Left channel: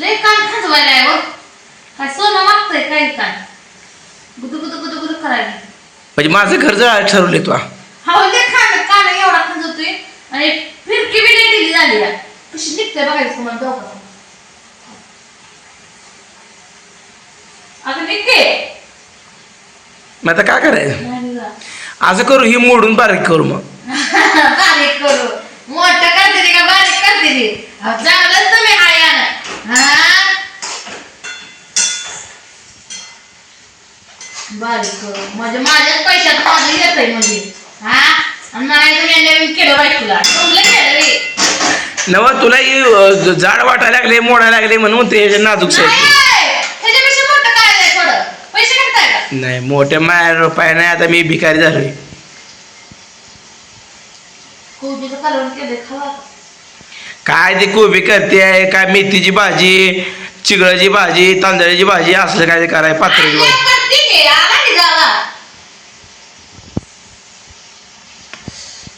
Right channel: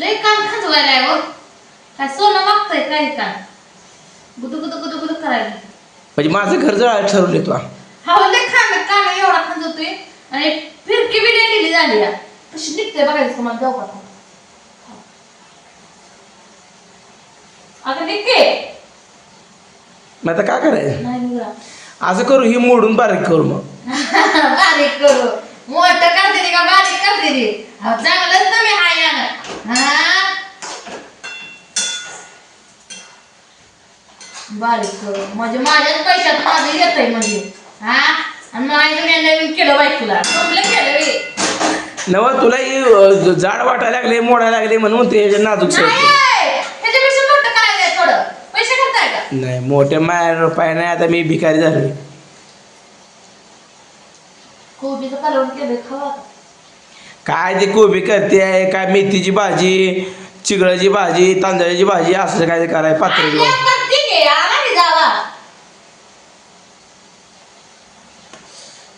लय कान खाजवायला आहे हो. काय सोनं मागतंय काय काय गुदू गुदू गुदू गुदू करायला. म्हणजे माझं घर जळायला ठरवले तू. हा लय कान एवढा खाजवतोय आणि फिरकी बी लय दिली झाली या. कशी निघते बघायचं तुम्हाला दोघं. आता निघते. मग आता काय करायचं? नाही निघा. असं करू ही मोडून बारीक करू मग. बारीक करू मोठं करते ते का बारीक करते ते. चांगलंच तुम्ही हाय हा बारीक करू म्हणजे माझ्याच पैशात माझं येतंय म्हणजे हा. आणि मला तुम्ही नवीन केलं बाई तुला तुमलं केलं रे. नव तुला ही जाड वाटायला लागले मोडायला लागले म्हणून ते नाजूक साईड. त्याच्यापेक्षा मोठं काय आहे थोडं पैसे करताय का? नाही मोठ्या माया रुपया नाही. आता मी भिकारी झालोय. कोबीचं कालवण केलंय खावा. काय ते कोबी करते काय मेथीची भाजी चिगळाची भाजी तांदळाची भाजी असलं काय ते कराय पात्राची भाजी.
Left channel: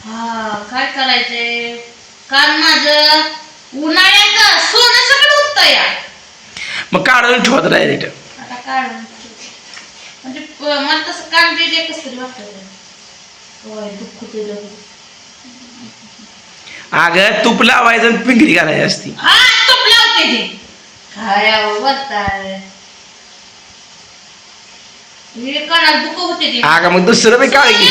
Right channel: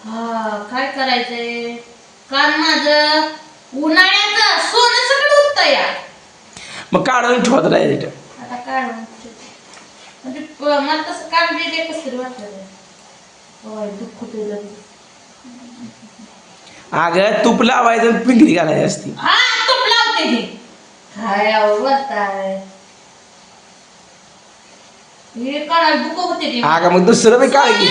हा काय करायचंय कारण माझं उन्हाळ्याचं सोनं सगळं उठतं या. मग काढून ठेवत डायरेक्ट. आता काढून म्हणजे मला तसं काम बी कसं तरी वाटतं. दुःख ते अगं तूप लावायचं आणि पिंगरी घालायची असती. हा तूप लावते ते काय बोलताय. मी कानाला दुःख होते ते. अगं मग दुसरं बी काढ घे.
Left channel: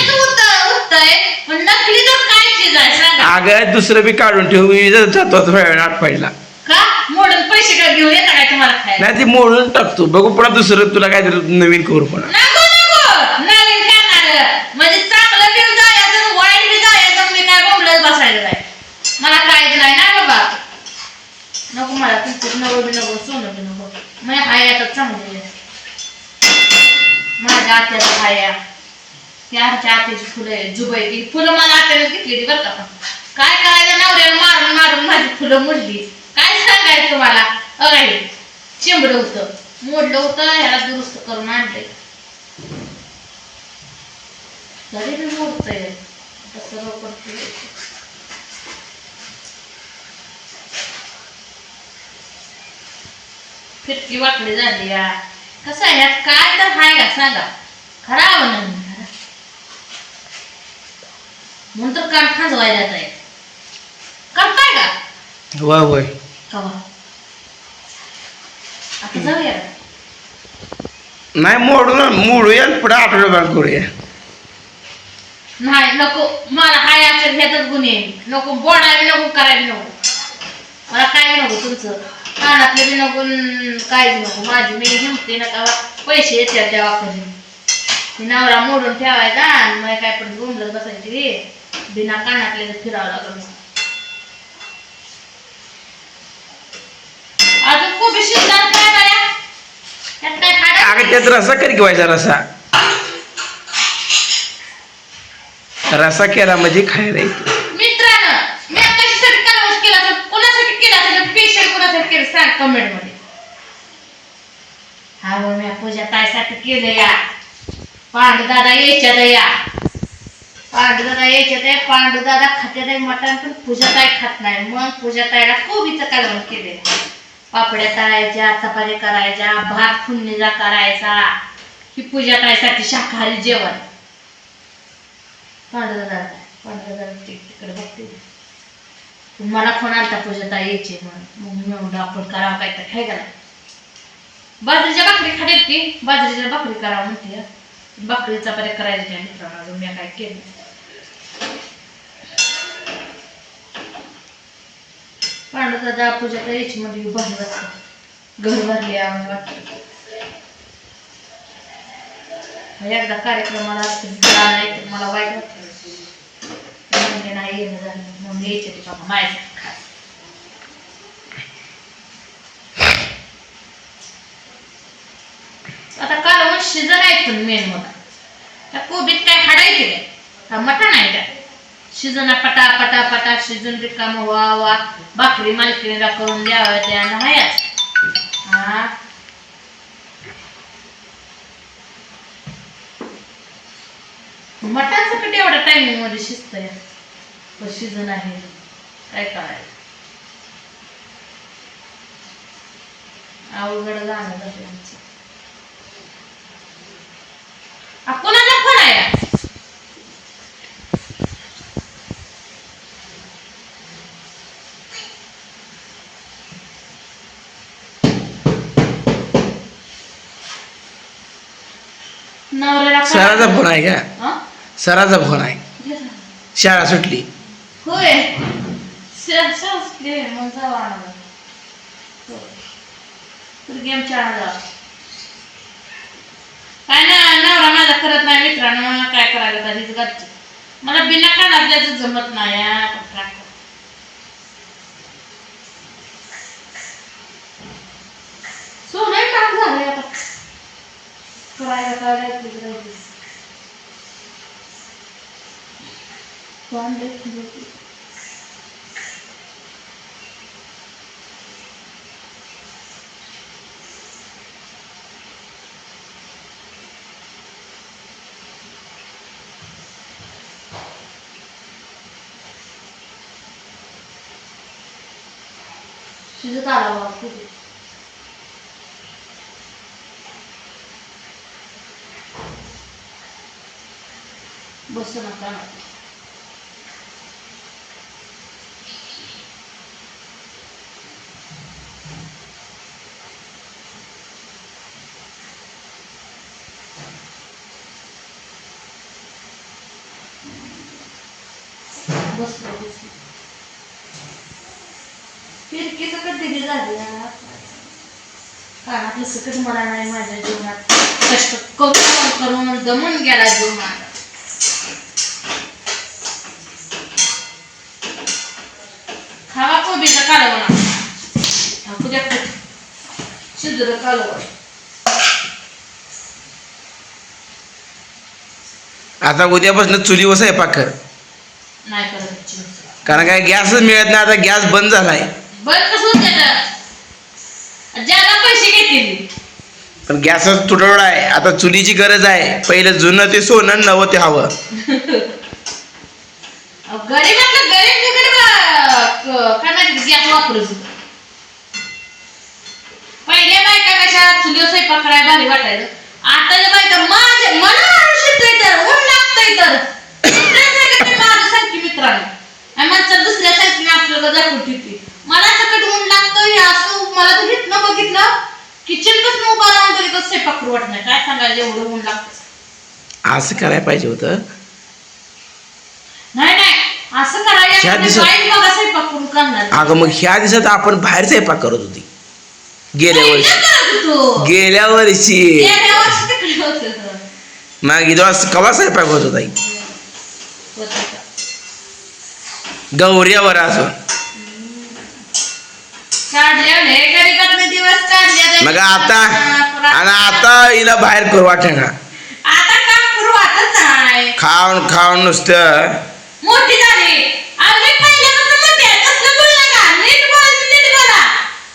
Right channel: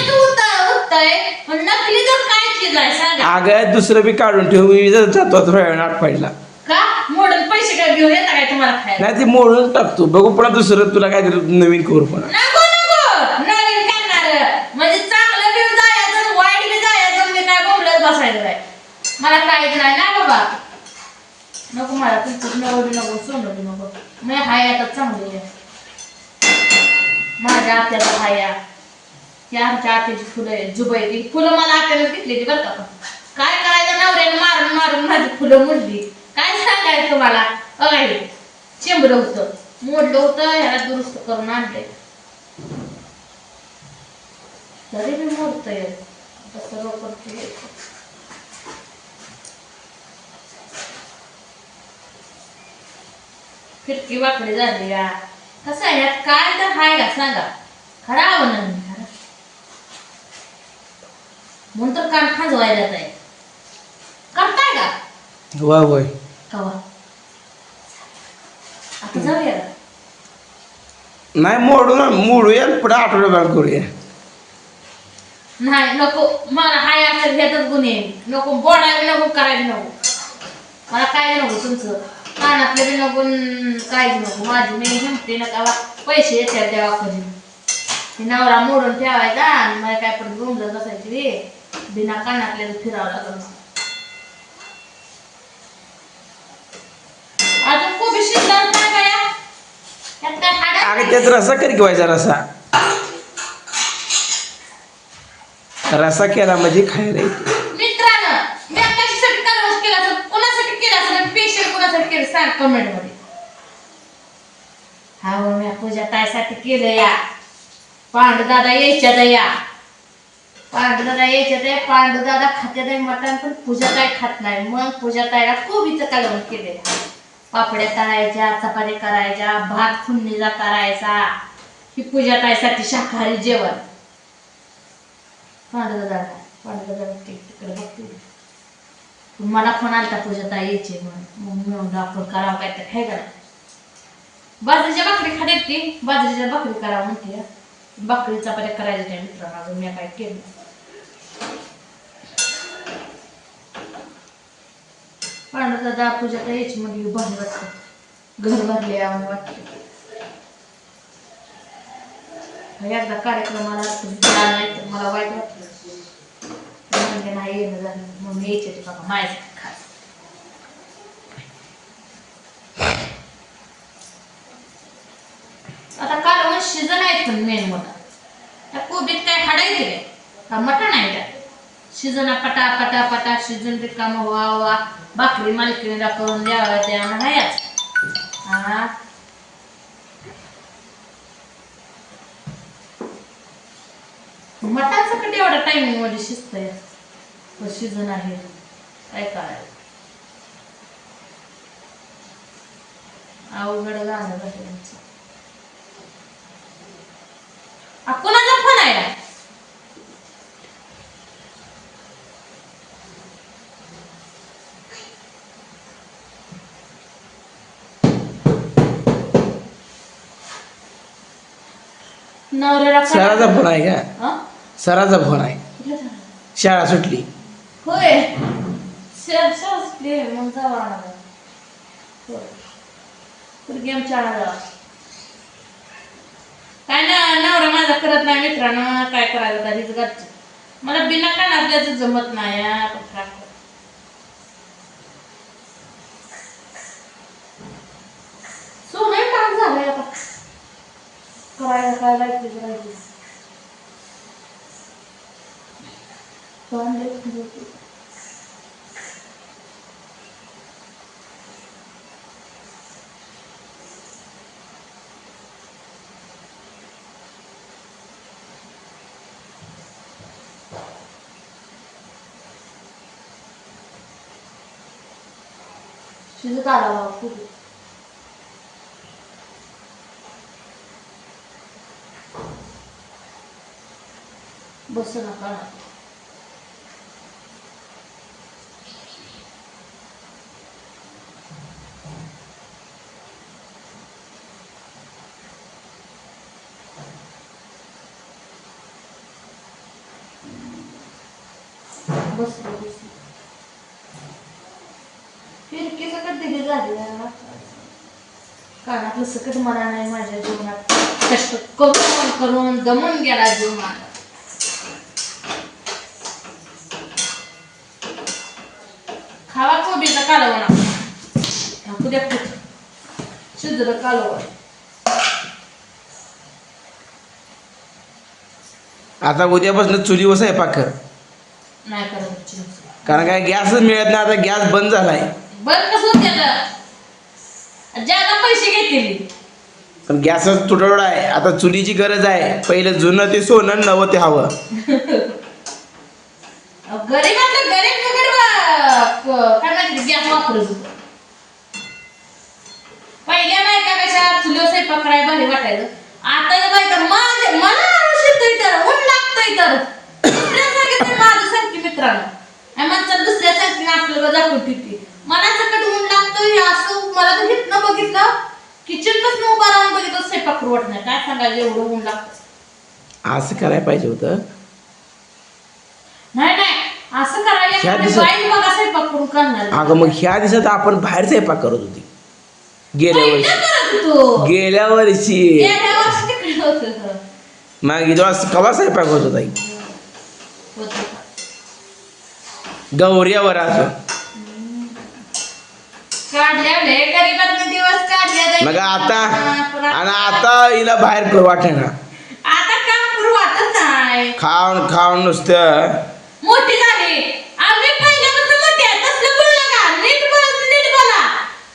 उठतंय पण नकली तर काय चीज आहे सांगा. अगं दुसरं बी काढून ठेवू जातो आठ पाहिला का मोडून पैसे काय घेऊन येता काय तुम्हाला खायला. नाही ती मोडून टाकतो बघू पुन्हा दुसरं तुला काहीतरी नवीन करू पुन्हा. नको नको नवीन करणार म्हणजे चांगलं बी जायचं वाईट बी जायचं. मी काय बोंबलत बसायचं नाही मला काहीच नाही ना बाबा. नको मला तुमचं नको बी नको सोनं बी नको. मी हाय आता चांगले माझ्या आत्याला हाया ती आमच्या आत्याची फुलं आहे जुबाई ती फुलं मला आत्यानं घेतली बरं का. काय करायचं नवऱ्याला मारून मारून माझी फुलं मोडली. काय सांगायचं तुम्हाला. अगाई चिंबलं होतं मोडलं होतं ह्याला दुरुस्त करून आणलंय तरी बी मोडतंय तसं करतोय. फिरकी वाकडी झाली या. कसं आहे यात काय तर हाय का सांगा. खराब नाही खरा म्हणून तर कान खाजवायला जात आहे. करताय का वा होय कवा आता जाऊया नाही मोडूया पुढे आठवड्याभर करूया. नाही नको मला हाय असेल ह्यातच गुन्हे नको बोडायला नको करायला नको. मला काय नको तुमचं कानातलं बी नको काहीच नको. माझी मी हिमते नका पैसे येतात देवाकडे नवरा मोडून ठेवायचा आणि मला काय पण बोंबलत बसायची बिना कानातले फिरावं लागलं. अजून कोबी शिजणार काय बाया त्यात काय खाडा. अगं त्यात रसा करी किंवा रसा रसा केला म्हणजे खायला येतो. मित्रांनो मी कशासाठी कालवण केला तर कोणासाठी केला असेल स्पेशल कोणासाठी केलं सांग कमेंट मध्ये. हा मी पूजा ताईसाठी केलं या. पांडू दादा यायच्यात या. पांडू दादा यायच्यात आहे. पांडू दादा खात्यात आहे मटण पण पूजा ताई खात नाही. मग पूजा ताईला कोबीचं कालवण केले. पापड्या तळायच्या चपाती करायच्या भात फुंडणीचा करायचा. ही पूजा ताईसाठी शाकाहारी जेवण. पांडू दादा तिकडे बघते मला फोन आलता पूजा ताई यायची म्हणून मग म्हणून आपण करावं काय तर काय करा. बाजरीच्या भाकरी खाण्यात ती बाजरीच्या भाकरी करावं म्हणते. भाकरी चपात्या करायच्या मित्रांनो मी काय केलं. पांडू दादा पूजा तर यायची म्हणजे भारी वाटतं घर भरले आम्ही वाटतं. एकदा कार्यक्रमाला नाही तर मला वाईट वाटलं म्हणजे नाही येणं झालं म्हणून यायचे ते बाबा माझ्यासाठी खास. आता कालवण शिजन आहेत पण मेन मोठा त्या कोबीत काय हाडायचे काय का मटण आहे का शिजना पटा पटा पटा शिजून रिकामं वा वा भाकरी मालकीला करून द्यावं त्या नाहीच. हा मटण सकट एवढ्या टायमिंग मध्ये शिजतंय शिजन आहे काय करायचं. अवघड गाणं झालं आमचं. कोणाचा फोन आहे? नवऱ्याला सराचा फोन आहे का? हं? सराचा फोन आहे. शाळा सुटली. होय सुटली मग जाऊ आणायला. तर गेम खेळायला काय ना नवरा माझा करत नाही मित्रांनो. काय करायला तरीच घरची मला बिना कानातल्याच जमत नाही. सोनं काम झालंय आता करायला काय राहायचं. शिजत आला बाबा खूप. बस नका ना. बस बस फिरकी सकट दिली झाली कानातलं सकट मला नाही. माझ्या जीवनात कष्ट करून करून दमून गेला जीव माझा. खावा कोबीचा कालवण टाकू द्या शिजर कालवण. आता उद्यापासून चुलीवर स्वयंपाक कर. नाही करत कारण काय गॅसच मिळत नाही. आता गॅस बंद झालाय. बंद कसं ज्याला पैसे घेतील. पण गॅसच तुटवडा आहे. आता चुलीची गरज आहे. पहिलं जुनं ते सोनं नवं ते हवं. गरीबातलं गरीब काय माहिती गॅस वापरत होत. पहिल्या बायका कशा चुलीवर स्वयंपाक करायला भारी वाटायचं. आता बायका माझ्या मला शिकतोय तर ऊन लागतंय तर माझं सांगते मित्रांनो माणसं दुसऱ्या सांगते आपलं दाखवून ठेवते. मला सकट ऊन लागतं असं मला तर घेतलं बघितलं किचन पासून उभा राहून बघितलं स्वयंपाक करू वाटत नाही. काय सांगायचं एवढं ऊन लागतं. असं करायला पाहिजे होतं. नाही नाही असं करायला बाई बघा स्वयंपाक करून करणार. अगं मग ह्या दिवसात आपण बाहेर स्वयंपाक करत होती. गेल्या वर्षी गेल्या वर्षी तिकडे होत मग कवा स्वयंपाक होत होता गौऱ्यावर असून. मग आता आणि आता हिला बाहेर करू वाटेना. आता काम करू वाटत नाही. खाऊन खाऊन नुसतं मोठी झाली. आम्ही पहिल्यापासून मोठी आहे. तसलं बोल नका. नीट बोला.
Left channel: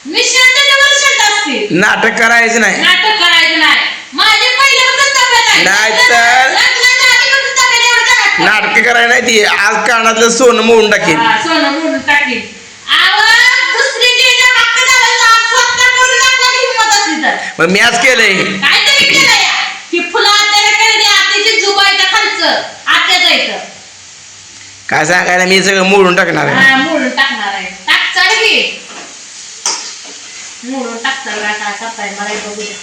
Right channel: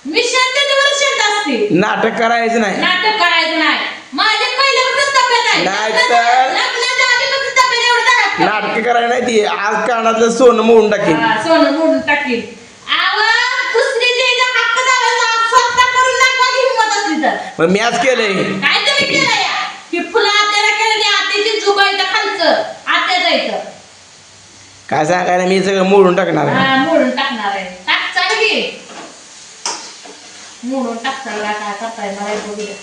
मी शांततेवर शांत असते. नाटक करायचं नाही. नाटक करायचं नाही. माझ्या पहिल्यापासून तब्येत आहे. नाहीतर लग्नाच्या आधीपासून तब्येत एवढं करायचं. नाटक करायला नाही ती. आज कानातलं सोनं मोडून टाकेल. सोनं मोडून टाकेल. दुसरी जे हक्क झाला स्वतः करून दाखवायची हिंमत असली तर. मग मी आज केलंय. काहीतरी केलं या की फुलं आत्याला केलं ते आत्याची जुबाईचं खालचं आत्याचं येतं. काय सांगायला मी सगळं मोडून टाकणार आहे. मोडून टाकणार आहे. टाकचाल की मोडून टाकचाल. काय करताय मला बघू द्या.